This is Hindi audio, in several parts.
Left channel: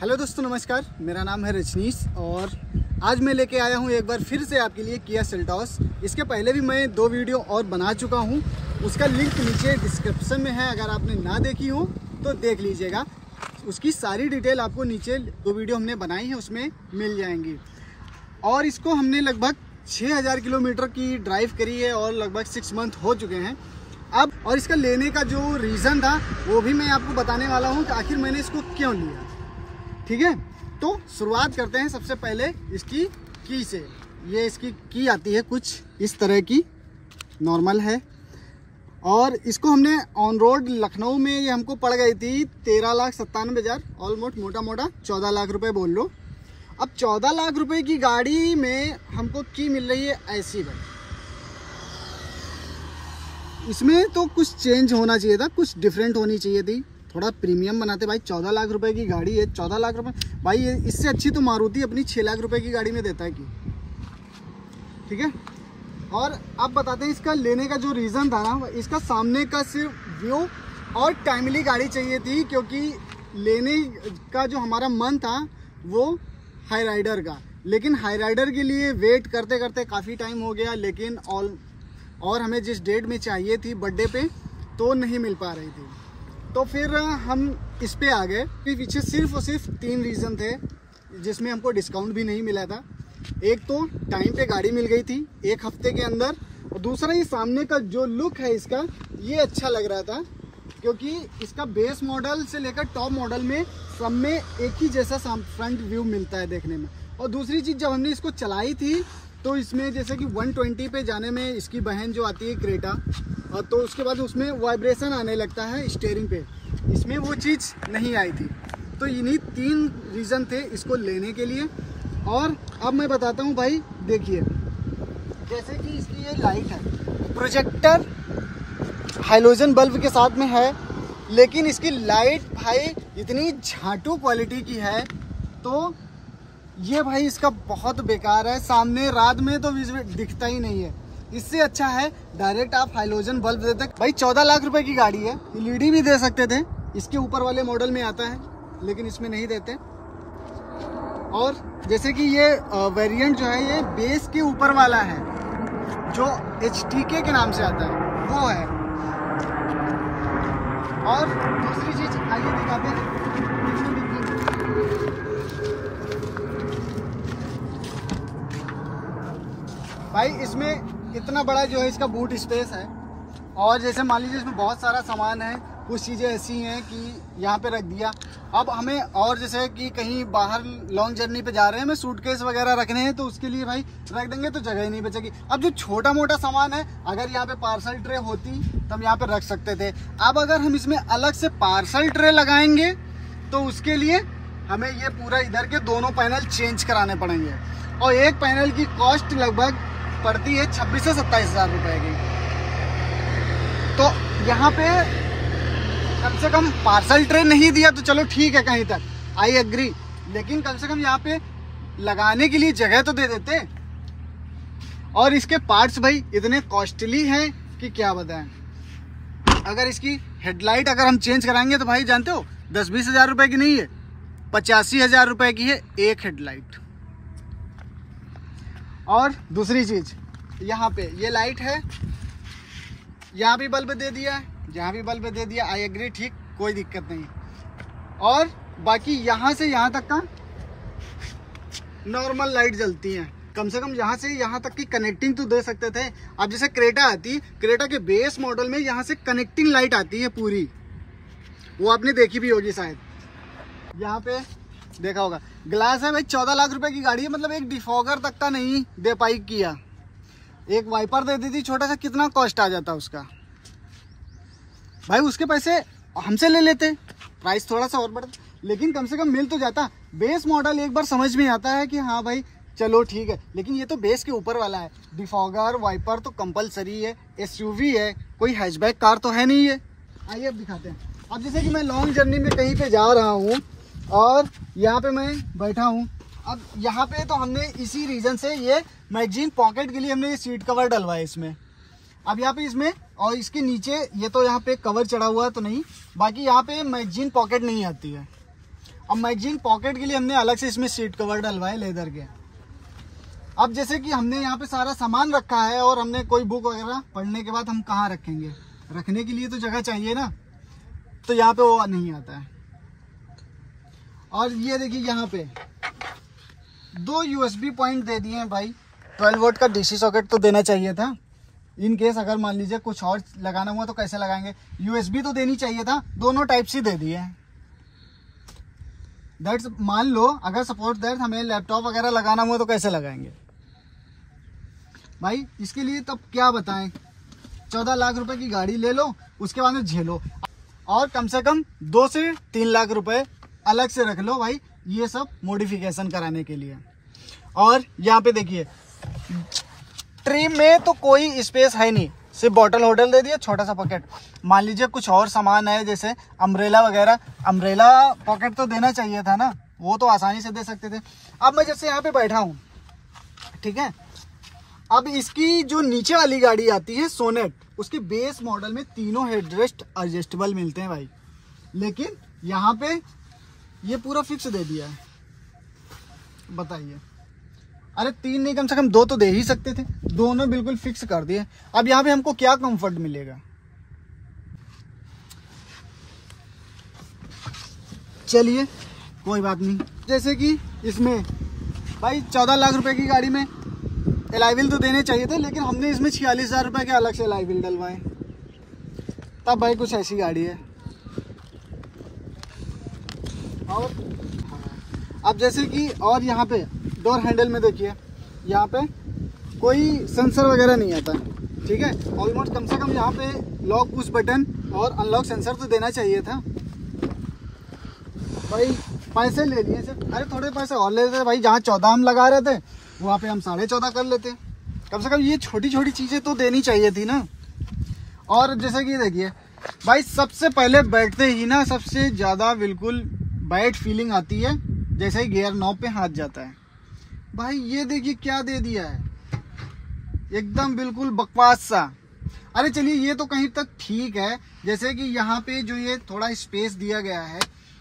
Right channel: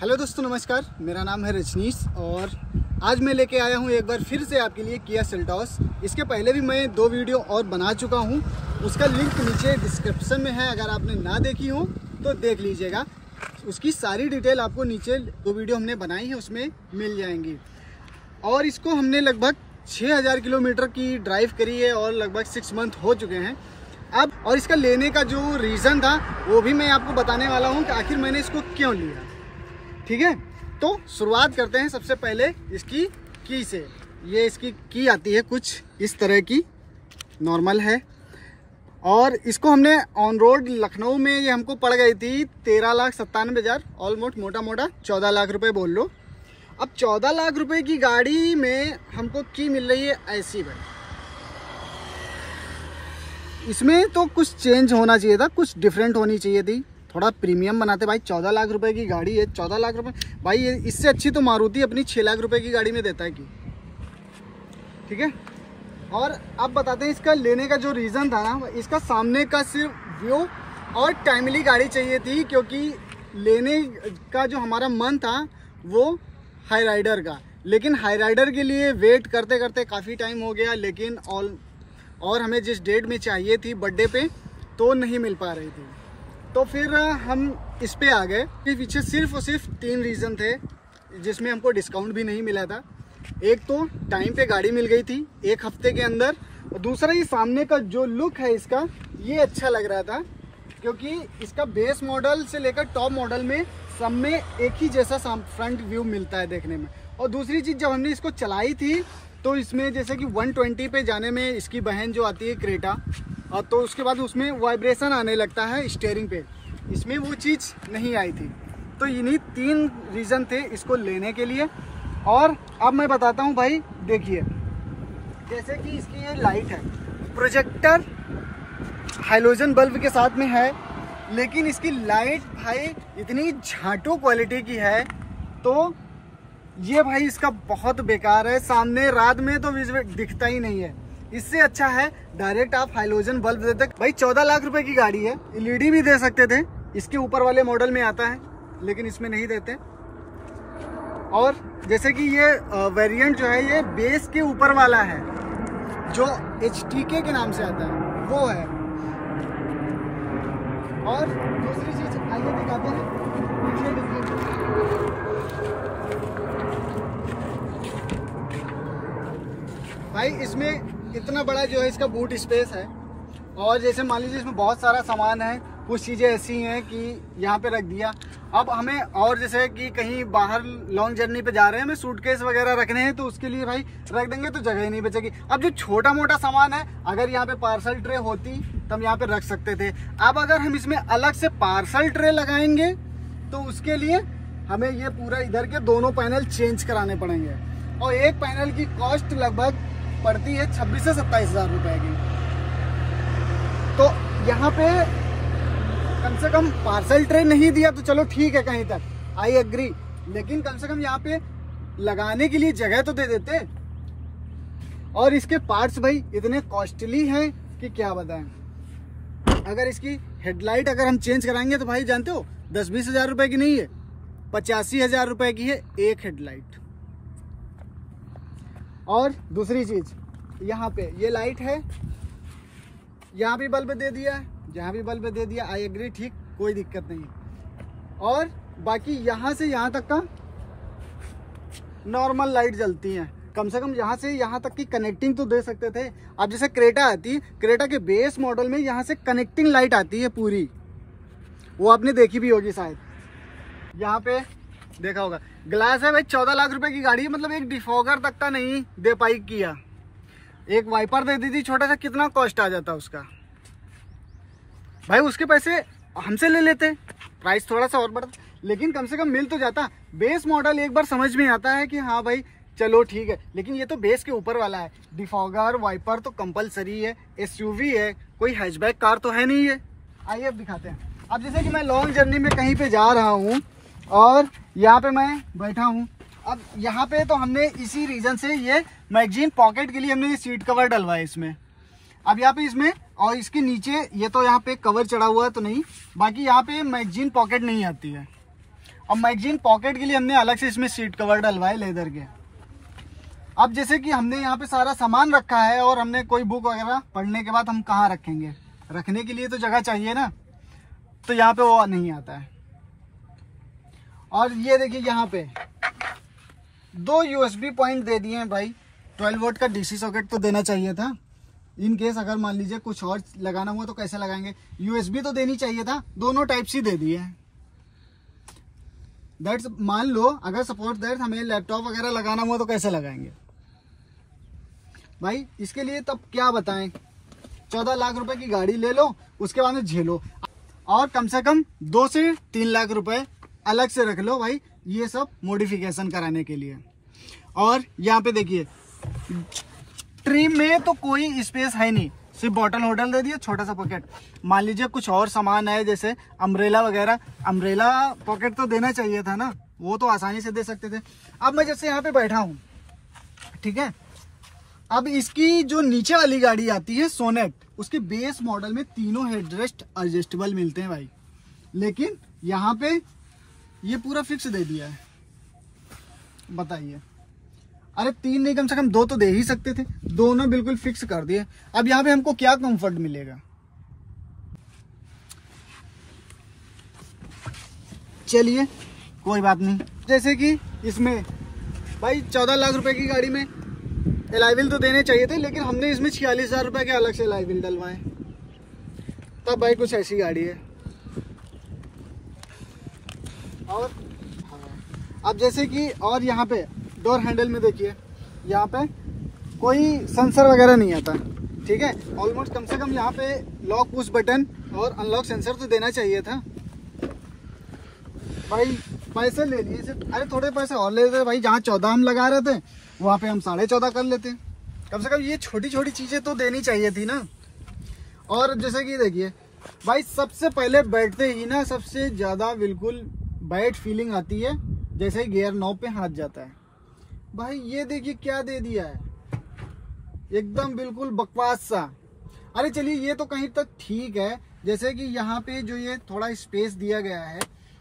हेलो दोस्तों, नमस्कार। मेरा नाम है रजनीश और आज मैं लेके आया हूँ एक बार फिर से आपके लिए किया सेल्टॉस। इसके पहले भी मैं 2 वीडियो और बना चुका हूँ, उसका लिंक नीचे डिस्क्रिप्शन में है। अगर आपने ना देखी हो तो देख लीजिएगा, उसकी सारी डिटेल आपको नीचे 2 वीडियो हमने बनाई है उसमें मिल जाएंगी। और इसको हमने लगभग 6000 किलोमीटर की ड्राइव करी है और लगभग 6 मंथ हो चुके हैं अब। और इसका लेने का जो रीज़न था वो भी मैं आपको बताने वाला हूँ कि आखिर मैंने इसको क्यों लिया। ठीक है, तो शुरुआत करते हैं सबसे पहले इसकी की से। ये इसकी की आती है कुछ इस तरह की, नॉर्मल है। और इसको हमने ऑन रोड लखनऊ में ये हमको पड़ गई थी 13,97,000, ऑलमोस्ट मोटा मोटा 14 लाख रुपए बोल लो। अब 14 लाख रुपए की गाड़ी में हमको की मिल रही है ऐसी भाई। इसमें तो कुछ चेंज होना चाहिए था, कुछ डिफरेंट होनी चाहिए थी, थोड़ा प्रीमियम बनाते भाई। 14 लाख रुपए की गाड़ी है, 14 लाख रुपए भाई, इससे अच्छी तो मारुति अपनी 6 लाख रुपए की गाड़ी में देता है कि। ठीक है, और अब बताते हैं इसका लेने का जो रीज़न था ना, इसका सामने का सिर्फ व्यू और टाइमली गाड़ी चाहिए थी, क्योंकि लेने का जो हमारा मन था वो हाई राइडर का। लेकिन हाई राइडर के लिए वेट करते करते काफ़ी टाइम हो गया, लेकिन और हमें जिस डेट में चाहिए थी बर्थडे पे तो नहीं मिल पा रही थी। तो फिर हम इस पे आ गए। पीछे सिर्फ और सिर्फ 3 रीज़न थे जिसमें हमको डिस्काउंट भी नहीं मिला था। एक तो टाइम पे गाड़ी मिल गई थी 1 हफ्ते के अंदर, और दूसरा ये सामने का जो लुक है इसका, ये अच्छा लग रहा था, क्योंकि इसका बेस मॉडल से लेकर टॉप मॉडल में सब में एक ही जैसा फ्रंट व्यू मिलता है देखने में। और दूसरी चीज़, जब हमने इसको चलाई थी तो इसमें जैसे कि 120 पे जाने में इसकी बहन जो आती है क्रेटा, और तो उसके बाद उसमें वाइब्रेशन आने लगता है स्टीयरिंग पे, इसमें वो चीज़ नहीं आई थी। तो इन्हीं 3 रीज़न थे इसको लेने के लिए। और अब मैं बताता हूँ भाई, देखिए जैसे कि इसकी ये लाइट है, प्रोजेक्टर हाइलोजन बल्ब के साथ में है, लेकिन इसकी लाइट भाई इतनी झाटू क्वालिटी की है, तो ये भाई इसका बहुत बेकार है। सामने रात में तो दिखता ही नहीं है। इससे अच्छा है डायरेक्ट आप हाइलोजन बल्ब देते। भाई 14 लाख रुपए की गाड़ी है, एलईडी भी दे सकते थे, इसके ऊपर वाले मॉडल में आता है, लेकिन इसमें नहीं देते। और जैसे कि ये वेरिएंट जो है ये बेस के ऊपर वाला है, जो HTK के नाम से आता है वो है। और दूसरी चीज आइए दिखाते हैं, भाई इसमें इतना बड़ा जो है इसका बूट स्पेस है। और जैसे मान लीजिए इसमें बहुत सारा सामान है, कुछ चीज़ें ऐसी हैं कि यहाँ पे रख दिया। अब हमें और जैसे कि कहीं बाहर लॉन्ग जर्नी पे जा रहे हैं, हमें सूटकेस वगैरह रखने हैं, तो उसके लिए भाई रख देंगे तो जगह ही नहीं बचेगी। अब जो छोटा मोटा सामान है, अगर यहाँ पे पार्सल ट्रे होती तो हम यहाँ पे रख सकते थे। अब अगर हम इसमें अलग से पार्सल ट्रे लगाएंगे तो उसके लिए हमें ये पूरा इधर के दोनों पैनल चेंज कराने पड़ेंगे, और एक पैनल की कॉस्ट लगभग पड़ती है 26 से 27 हज़ार रुपए की। तो यहाँ पे कम से कम पार्सल ट्रे नहीं दिया तो चलो ठीक है, कहीं तक आई एग्री, लेकिन कम से कम यहाँ पे लगाने के लिए जगह तो दे देते। और इसके पार्ट्स भाई इतने कॉस्टली हैं कि क्या बताएं। अगर इसकी हेडलाइट अगर हम चेंज कराएंगे तो भाई जानते हो 10-20 हज़ार रुपए की नहीं है, 85 हज़ार रुपए की है एक हेडलाइट। और दूसरी चीज, यहाँ पे ये लाइट है, यहाँ भी बल्ब दे दिया है, यहाँ भी बल्ब दे दिया, आई एग्री, ठीक, कोई दिक्कत नहीं। और बाकी यहाँ से यहाँ तक का नॉर्मल लाइट जलती है। कम से कम यहाँ से यहाँ तक की कनेक्टिंग तो दे सकते थे। अब जैसे क्रेटा आती, क्रेटा के बेस मॉडल में यहाँ से कनेक्टिंग लाइट आती है पूरी, वो आपने देखी भी होगी शायद, यहाँ पे देखा होगा। ग्लास है भाई, 14 लाख रुपए की गाड़ी है, मतलब एक डिफॉगर तक का नहीं दे पाई किया। एक वाइपर दे दी थी छोटा सा, कितना कॉस्ट आ जाता उसका भाई। उसके पैसे हमसे ले लेते, प्राइस थोड़ा सा और बढ़ता, लेकिन कम से कम मिल तो जाता। बेस मॉडल एक बार समझ में आता है कि हाँ भाई चलो ठीक है, लेकिन ये तो बेस के ऊपर वाला है। डिफॉगर वाइपर तो कंपलसरी है, SUV है, कोई हैचबैक कार तो है नहीं है। आइए अब दिखाते हैं। अब जैसे कि मैं लॉन्ग जर्नी में कहीं पे जा रहा हूँ और यहाँ पे मैं बैठा हूँ, अब यहाँ पे तो हमने इसी रीजन से ये मैगजीन पॉकेट के लिए हमने सीट कवर डलवाया इसमें। अब यहाँ पे इसमें और इसके नीचे ये तो यहाँ पे कवर चढ़ा हुआ है तो नहीं, बाकी यहाँ पे मैगजीन पॉकेट नहीं आती है। अब मैगजीन पॉकेट के लिए हमने अलग से इसमें सीट कवर डलवाए लेदर के। अब जैसे कि हमने यहाँ पे सारा सामान रखा है और हमने कोई बुक वगैरह पढ़ने के बाद हम कहाँ रखेंगे, रखने के लिए तो जगह चाहिए ना, तो यहाँ पे वो नहीं आता है। और ये देखिए यहाँ पे 2 USB पॉइंट दे दिए हैं भाई। 12 वोल्ट का DC सॉकेट तो देना चाहिए था, इन केस अगर मान लीजिए कुछ और लगाना हुआ तो कैसे लगाएंगे। USB तो देनी चाहिए था, दोनों टाइप सी दे दिए हैं। दैट्स मान लो अगर सपोज दैट हमें लैपटॉप वगैरह लगाना हुआ तो कैसे लगाएंगे भाई। इसके लिए तब क्या बताएं, 14 लाख रुपए की गाड़ी ले लो, उसके बाद में झेलो, और कम से कम 2 से 3 लाख रुपए अलग से रख लो भाई, ये सब मॉडिफिकेशन कराने के लिए। और यहाँ पे देखिए ट्री में तो कोई स्पेस है नहीं, सिर्फ बॉटल होटल दे दिया, छोटा सा पॉकेट। मान लीजिए कुछ और सामान है जैसे अम्ब्रेला वगैरह, अम्ब्रेला पॉकेट तो देना चाहिए था ना, वो तो आसानी से दे सकते थे। अब मैं जैसे यहाँ पे बैठा हूँ, ठीक है, अब इसकी जो नीचे वाली गाड़ी आती है सोनेट, उसके बेस मॉडल में तीनों हेडरेस्ट एडजस्टेबल मिलते हैं भाई, लेकिन यहाँ पे ये पूरा फिक्स दे दिया है। बताइए, अरे 3 नहीं कम से कम 2 तो दे ही सकते थे, दोनों बिल्कुल फिक्स कर दिए। अब यहाँ पे हमको क्या कंफर्ट मिलेगा। चलिए कोई बात नहीं, जैसे कि इसमें भाई 14 लाख रुपए की गाड़ी में एलॉय व्हील तो देने चाहिए थे, लेकिन हमने इसमें 46,000 रुपए के अलग से एलॉय व्हील डलवाए, तब भाई कुछ ऐसी गाड़ी है। और अब जैसे कि और यहाँ पे डोर हैंडल में देखिए, यहाँ पे कोई सेंसर वगैरह नहीं आता, ठीक है। ऑलमोस्ट कम से कम यहाँ पे लॉक पुश बटन और अनलॉक सेंसर तो देना चाहिए था भाई। पैसे ले लिए सिर्फ, अरे थोड़े पैसे और ले लेते भाई, जहाँ 14 हम लगा रहे थे वहाँ पे हम 14.5 कर लेते। कम से कम ये छोटी छोटी चीजें तो देनी चाहिए थी ना। और जैसे कि देखिए भाई, सबसे पहले बैठते ही ना सबसे ज्यादा बिल्कुल बैड फीलिंग आती है जैसे ही गियर नॉब पे हाथ जाता है भाई। ये देखिए क्या दे दिया है, एकदम बिल्कुल बकवास सा। अरे चलिए ये तो कहीं तक ठीक है, जैसे कि यहाँ पे जो ये थोड़ा स्पेस दिया गया है।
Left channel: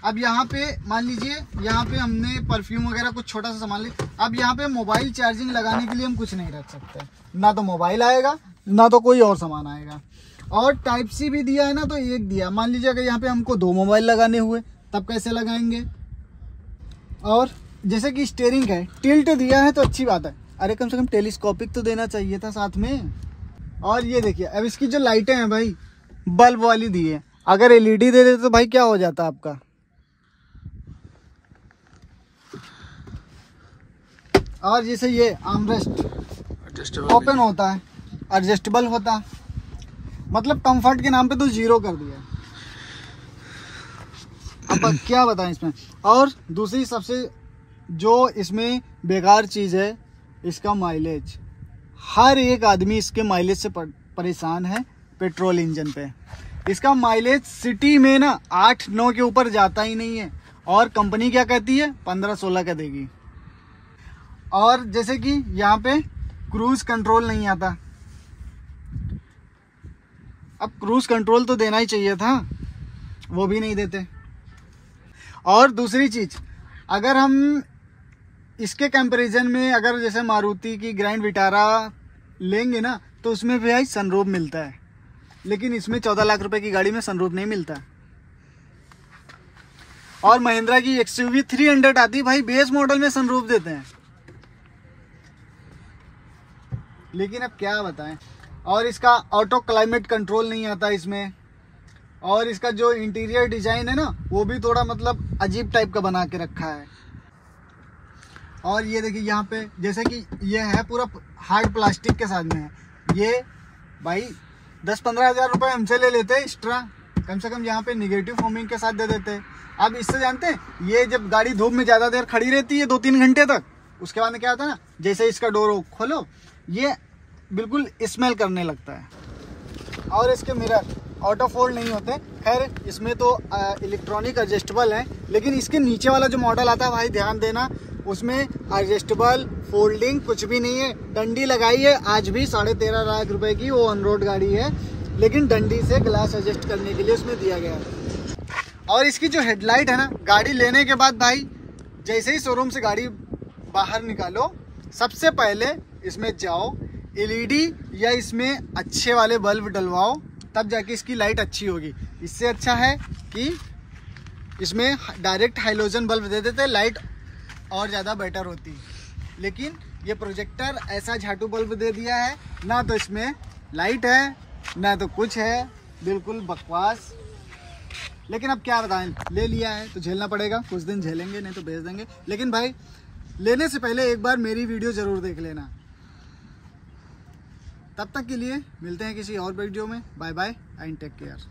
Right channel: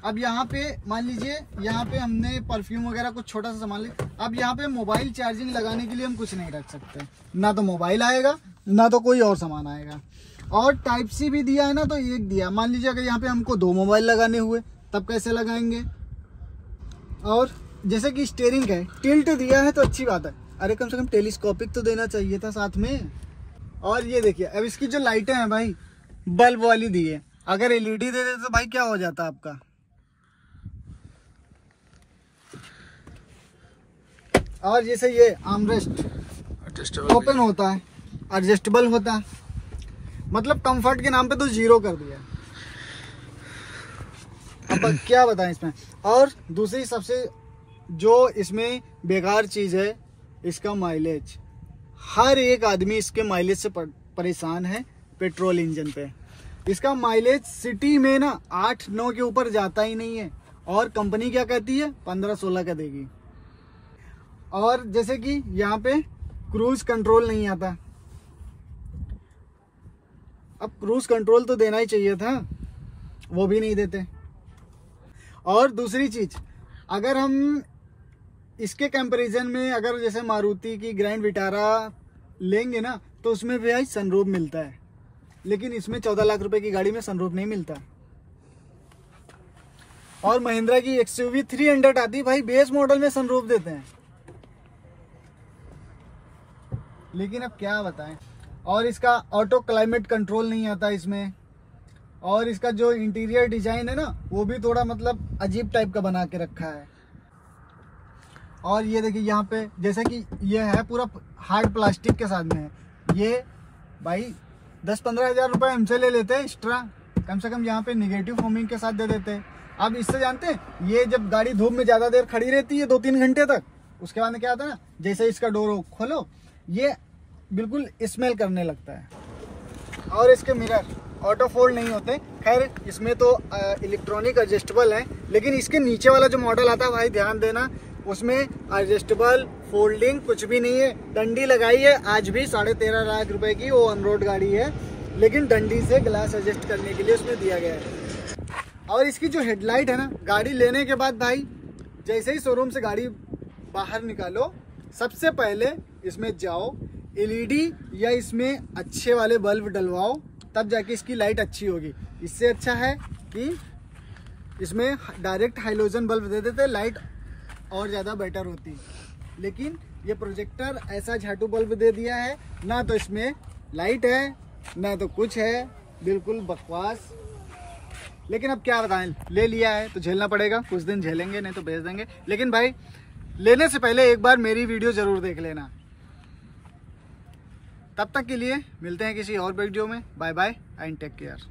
अब यहाँ पे मान लीजिए यहाँ पे हमने परफ्यूम वगैरह कुछ छोटा सा सामान ले, अब यहाँ पे मोबाइल चार्जिंग लगाने के लिए हम कुछ नहीं रख सकते, ना तो मोबाइल आएगा ना तो कोई और सामान आएगा। और टाइप सी भी दिया है ना, तो एक दिया। मान लीजिए अगर यहाँ पे हमको 2 मोबाइल लगाने हुए तब कैसे लगाएंगे। और जैसे कि स्टीयरिंग है, टिल्ट दिया है तो अच्छी बात है, अरे कम से कम टेलीस्कोपिक तो देना चाहिए था साथ में। और ये देखिए अब इसकी जो लाइटें हैं भाई, बल्ब वाली दी है, अगर एलईडी दे देते तो भाई क्या हो जाता आपका। और जैसे ये आर्मरेस्ट ओपन होता है, एडजस्टेबल होता है, मतलब कंफर्ट के नाम पे तो 0 कर दिया। अब क्या बताएं इसमें। और दूसरी सबसे जो इसमें बेकार चीज है, इसका माइलेज। हर एक आदमी इसके माइलेज से परेशान है पेट्रोल इंजन पे। इसका माइलेज सिटी में ना 8-9 के ऊपर जाता ही नहीं है, और कंपनी क्या कहती है 15-16 का देगी। और जैसे कि यहाँ पे क्रूज कंट्रोल नहीं आता, अब क्रूज कंट्रोल तो देना ही चाहिए था, वो भी नहीं देते। और दूसरी चीज, अगर हम इसके कंपैरिजन में अगर जैसे मारुति की ग्रैंड विटारा लेंगे ना, तो उसमें भी भाई सनरूफ मिलता है, लेकिन इसमें 14 लाख रुपए की गाड़ी में सनरूफ नहीं मिलता। और महिंद्रा की XUV 300 आती भाई, बेस मॉडल में सनरूफ देते हैं, लेकिन अब क्या बताएं। और इसका ऑटो क्लाइमेट कंट्रोल नहीं आता इसमें। और इसका जो इंटीरियर डिजाइन है ना, वो भी थोड़ा मतलब अजीब टाइप का बना के रखा है। और ये देखिए यहाँ पे जैसे कि ये है पूरा हार्ड प्लास्टिक के साथ में है, ये भाई 10-15 हज़ार रुपये हमसे ले लेते हैं एक्स्ट्रा, कम से कम यहाँ पे निगेटिव फोमिंग के साथ दे देते हैं। अब इससे जानते हैं, ये जब गाड़ी धूप में ज़्यादा देर खड़ी रहती है 2-3 घंटे तक, उसके बाद में क्या होता है ना, जैसे इसका डोर खोलो ये बिल्कुल स्मेल करने लगता है। और इसके मिरर ऑटो फोल्ड नहीं होते, खैर इसमें तो इलेक्ट्रॉनिक एडजस्टेबल है, लेकिन इसके नीचे वाला जो मॉडल आता है भाई ध्यान देना, उसमें एडजस्टेबल फोल्डिंग कुछ भी नहीं है। डंडी लगाई है आज भी 13.5 लाख रुपए की, वो ऑन रोड गाड़ी है, लेकिन डंडी से ग्लास एडजस्ट करने के लिए उसमें दिया गया है। और इसकी जो हेडलाइट है ना, गाड़ी लेने के बाद भाई जैसे ही शोरूम से गाड़ी बाहर निकालो, सबसे पहले इसमें जाओ, एलईडी या इसमें अच्छे वाले बल्ब डलवाओ, तब जाके इसकी लाइट अच्छी होगी। इससे अच्छा है कि इसमें डायरेक्ट हाइलोजन बल्ब दे देते, लाइट और ज़्यादा बेटर होती। लेकिन ये प्रोजेक्टर ऐसा झाटू बल्ब दे दिया है, ना तो इसमें लाइट है ना तो कुछ है, बिल्कुल बकवास। लेकिन अब क्या बताएं, ले लिया है तो झेलना पड़ेगा, कुछ दिन झेलेंगे, नहीं तो बेच देंगे। लेकिन भाई लेने से पहले एक बार मेरी वीडियो ज़रूर देख लेना। तब तक के लिए मिलते हैं किसी और वीडियो में। Bye bye and take care.